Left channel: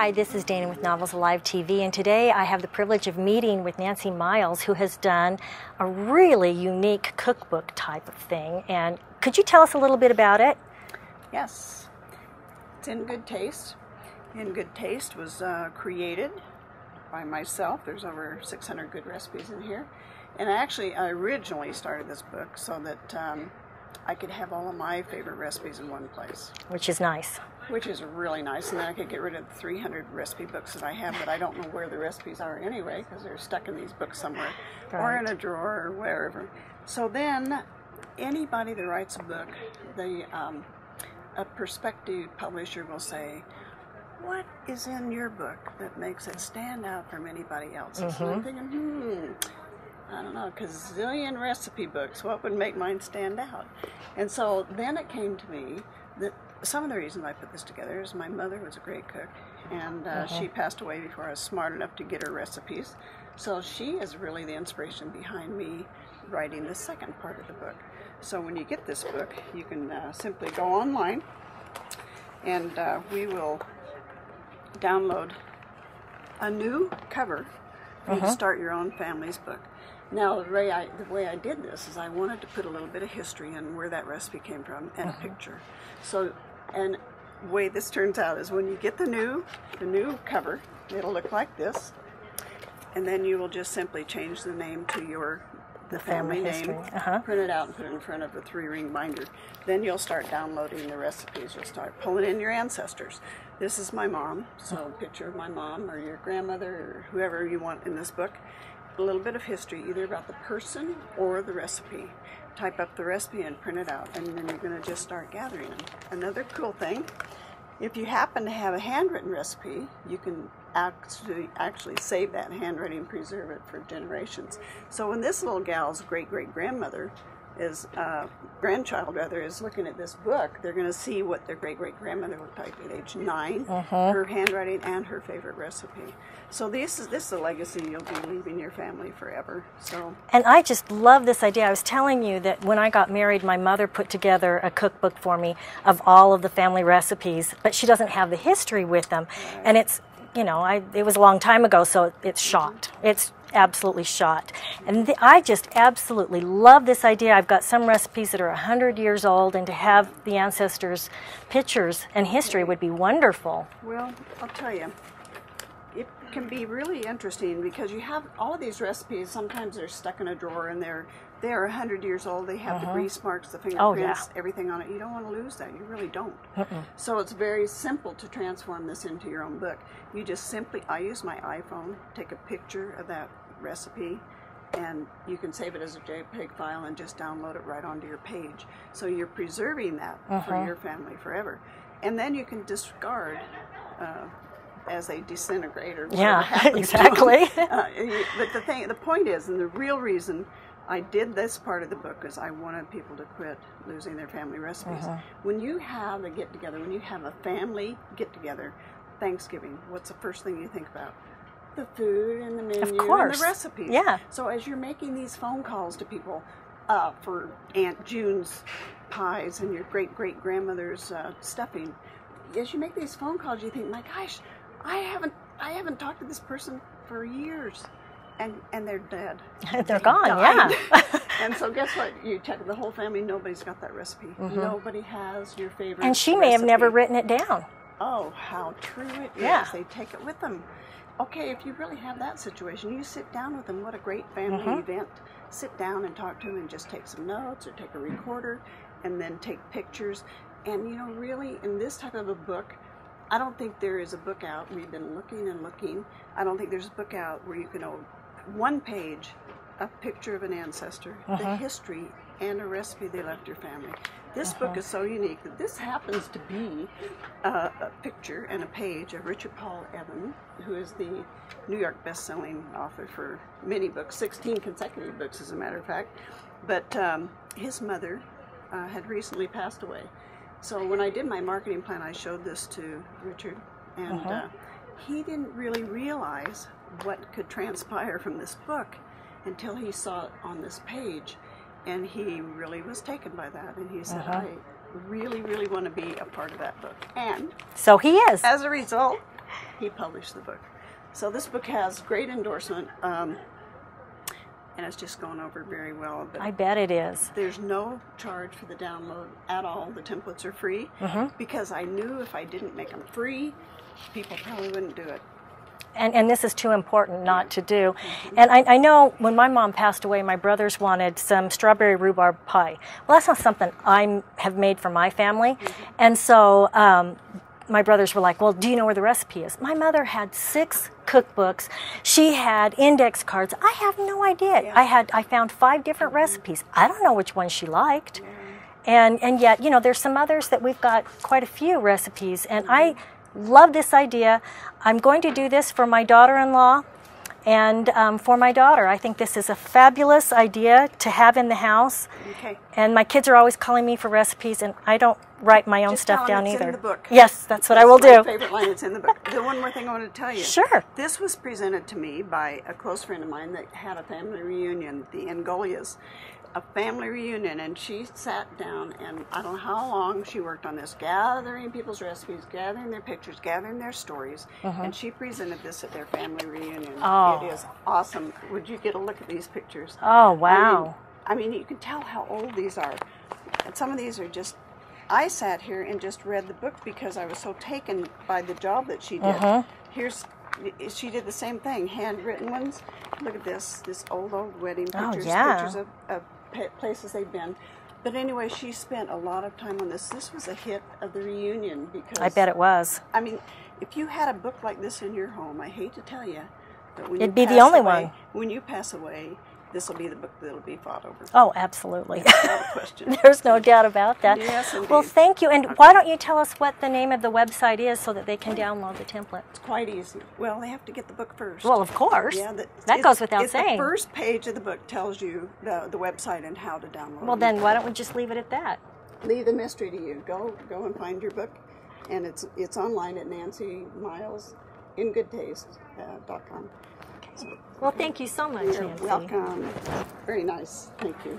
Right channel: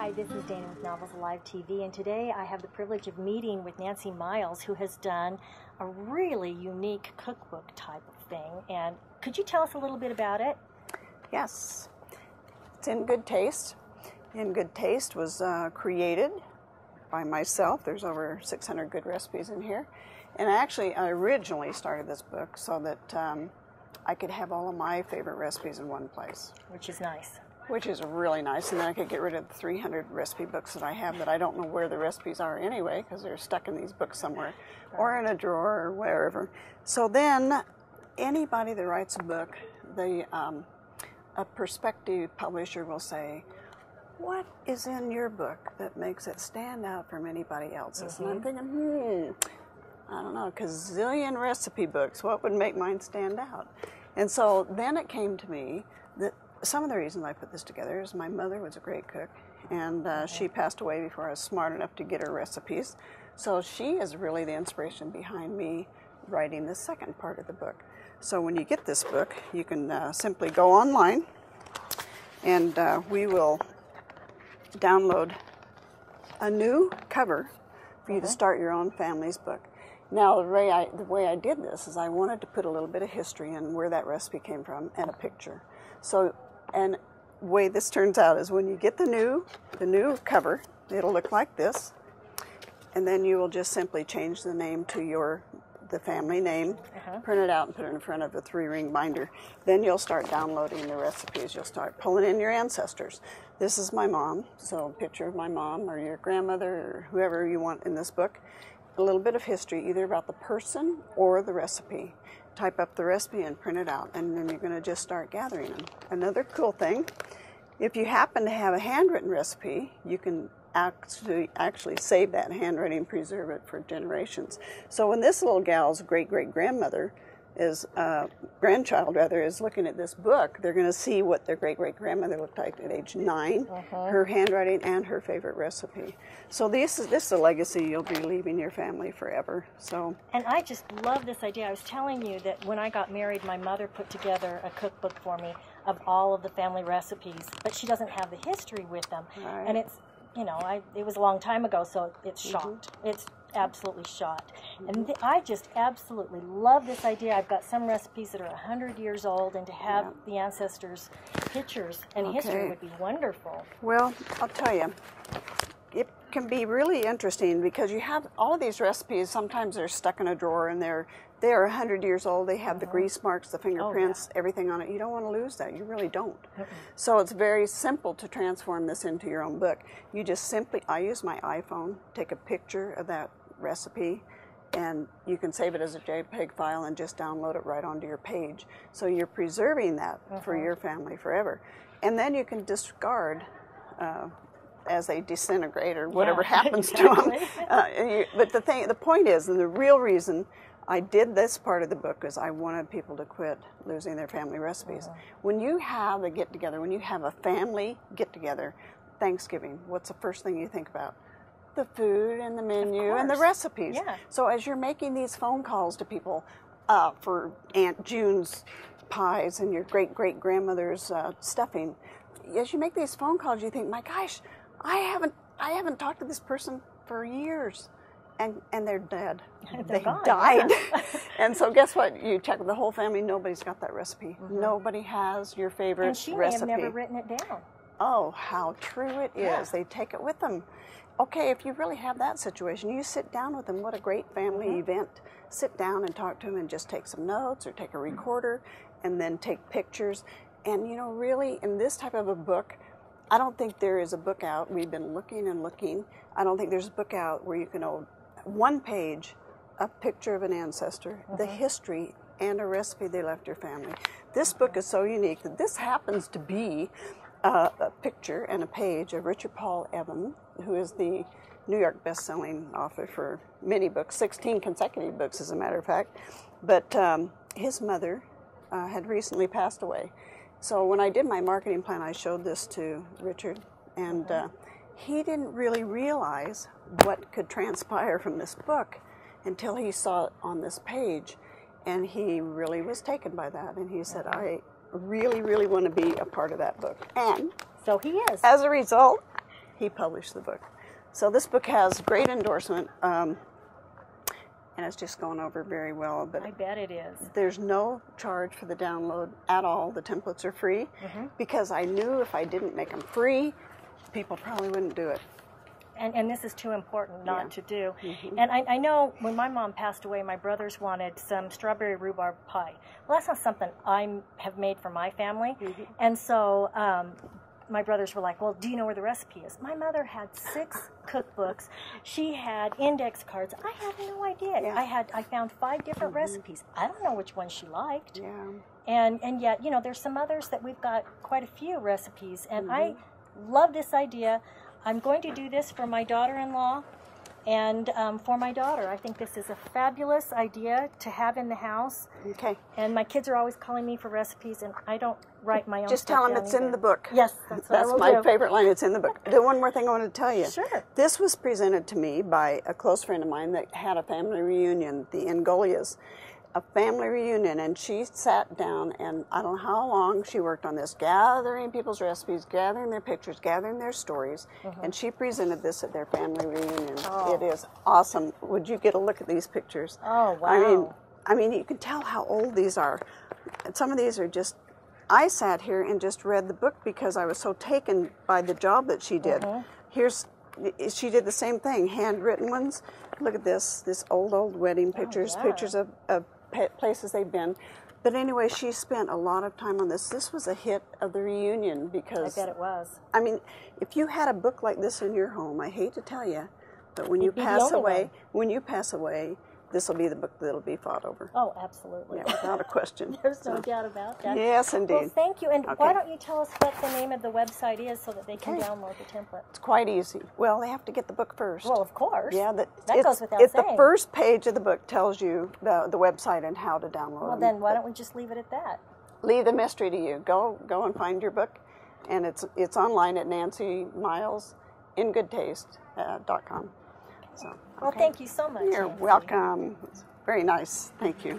Hi, this is Dayna with Novels Alive TV, and today I have the privilege of meeting with Nancy Miles, who has done a really unique cookbook type of thing. And could you tell us a little bit about it? Yes, it's In Good Taste. In Good Taste was created by myself. There's over 600 good recipes in here. And I originally started this book so that I could have all of my favorite recipes in one place. Which is nice. Which is really nice, and then I could get rid of the 300 recipe books that I have that I don't know where the recipes are anyway, because they're stuck in these books somewhere, right, or in a drawer or wherever. So then, anybody that writes a book, a prospective publisher will say, "What is in your book that makes it stand out from anybody else's?" And I'm thinking, I don't know, gazillion recipe books. What would make mine stand out? And so then it came to me that some of the reason I put this together is my mother was a great cook, and she passed away before I was smart enough to get her recipes. So she is really the inspiration behind me writing the second part of the book. So when you get this book, you can simply go online, and we will download a new cover for you to start your own family's book. Now, the way I did this is I wanted to put a little bit of history in where that recipe came from and a picture. So, and the way this turns out is when you get the new cover, it'll look like this, and then you will just simply change the name to the family name, print it out and put it in front of a 3-ring binder. Then you'll start downloading the recipes. You'll start pulling in your ancestors. This is my mom, so a picture of my mom or your grandmother or whoever you want in this book. A little bit of history, either about the person or the recipe. Type up the recipe and print it out, and then you're going to just start gathering them. Another cool thing, if you happen to have a handwritten recipe, you can actually save that handwriting and preserve it for generations. So when this little gal's great-great-grandmother grandchild is looking at this book, they're going to see what their great-great-grandmother looked like at age 9, her handwriting, and her favorite recipe. So this is a legacy you'll be leaving your family forever. So. And I just love this idea. I was telling you that when I got married, my mother put together a cookbook for me of all of the family recipes, but she doesn't have the history with them. Right. And it's, you know, it was a long time ago, so it's shot. It's absolutely shot. And I just absolutely love this idea. I've got some recipes that are 100 years old, and to have the ancestors' pictures and history would be wonderful. Well, I'll tell you, it can be really interesting because you have all of these recipes. Sometimes they're stuck in a drawer and they're 100 years old. They have the grease marks, the fingerprints, everything on it. You don't want to lose that. You really don't. So it's very simple to transform this into your own book. You just simply, I use my iPhone, take a picture of that recipe, and you can save it as a JPEG file and just download it right onto your page. So you're preserving that for your family forever. And then you can discard as they disintegrate or whatever happens to them. But the point is, and the real reason I did this part of the book is I wanted people to quit losing their family recipes. When you have a get-together, when you have a family get-together, Thanksgiving, what's the first thing you think about? The food and the menu and the recipes. Yeah. So as you're making these phone calls to people for Aunt June's pies and your great-great-grandmother's stuffing, as you make these phone calls, you think, my gosh, I haven't talked to this person for years, and they're dead. They're gone, yeah. And so guess what? You check the whole family, nobody's got that recipe. Nobody has your favorite And she may have never written it down. Oh, how true it is. They take it with them. Okay, if you really have that situation, you sit down with them. What a great family event. Sit down and talk to them and just take some notes or take a recorder and then take pictures. And, you know, really, in this type of a book, I don't think there is a book out. We've been looking and looking. I don't think there's a book out where you can hold one page, a picture of an ancestor, the history, and a recipe they left their family. This book is so unique that this happens to be a picture and a page of Richard Paul Evans, who is the New York best-selling author for many books, 16 consecutive books, as a matter of fact. But his mother had recently passed away. So when I did my marketing plan, I showed this to Richard, and he didn't really realize what could transpire from this book until he saw it on this page, and he really was taken by that, and he said, I really, really want to be a part of that book. And so he is. As a result, he published the book. So this book has great endorsement, and it's just going over very well. But I bet it is. there's no charge for the download at all. The templates are free, because I knew if I didn't make them free, people probably wouldn't do it. And this is too important not to do. And I know when my mom passed away, my brothers wanted some strawberry rhubarb pie. Well, that's not something I have made for my family. And so my brothers were like, well, do you know where the recipe is? My mother had 6 cookbooks. She had index cards. I have no idea. Yeah. I found 5 different recipes. I don't know which one she liked. And yet, you know, there's some others that we've got quite a few recipes. And I love this idea. I'm going to do this for my daughter-in-law and for my daughter. I think this is a fabulous idea to have in the house. Okay. And my kids are always calling me for recipes, and I don't write my own Just stuff tell them down it's either. in the book. Yes, that's what I will do. My favorite line, it's in the book. The one more thing I want to tell you. Sure. This was presented to me by a close friend of mine that had a family reunion, the Angolias. A family reunion, and she sat down, and I don't know how long she worked on this, gathering people's recipes, gathering their pictures, gathering their stories, and she presented this at their family reunion. Oh. It is awesome. Would you get a look at these pictures? Oh, wow. I mean, you can tell how old these are. And some of these are just, I sat here and just read the book because I was so taken by the job that she did. She did the same thing, handwritten ones. Look at this old wedding pictures, pictures of places they've been. But anyway, she spent a lot of time on this. This was a hit of the reunion because... I bet it was. I mean, if you had a book like this in your home, I hate to tell you, but when It'd you be pass the only away, one. when you pass away, this will be the book that'll be fought over. Oh, absolutely. Not a question. There's no doubt about that. Yes, indeed. Well, thank you. And why don't you tell us what the name of the website is so that they can download the template? It's quite easy. Well, they have to get the book first. Well, of course. Yeah, that goes without saying. The first page of the book tells you the website and how to download it. Well, then why don't we just leave it at that? Leave the mystery to you. Go and find your book, and it's online at NancyMilesInGoodTaste.com. Well, thank you so much, You're Nancy. welcome. Very nice. Thank you.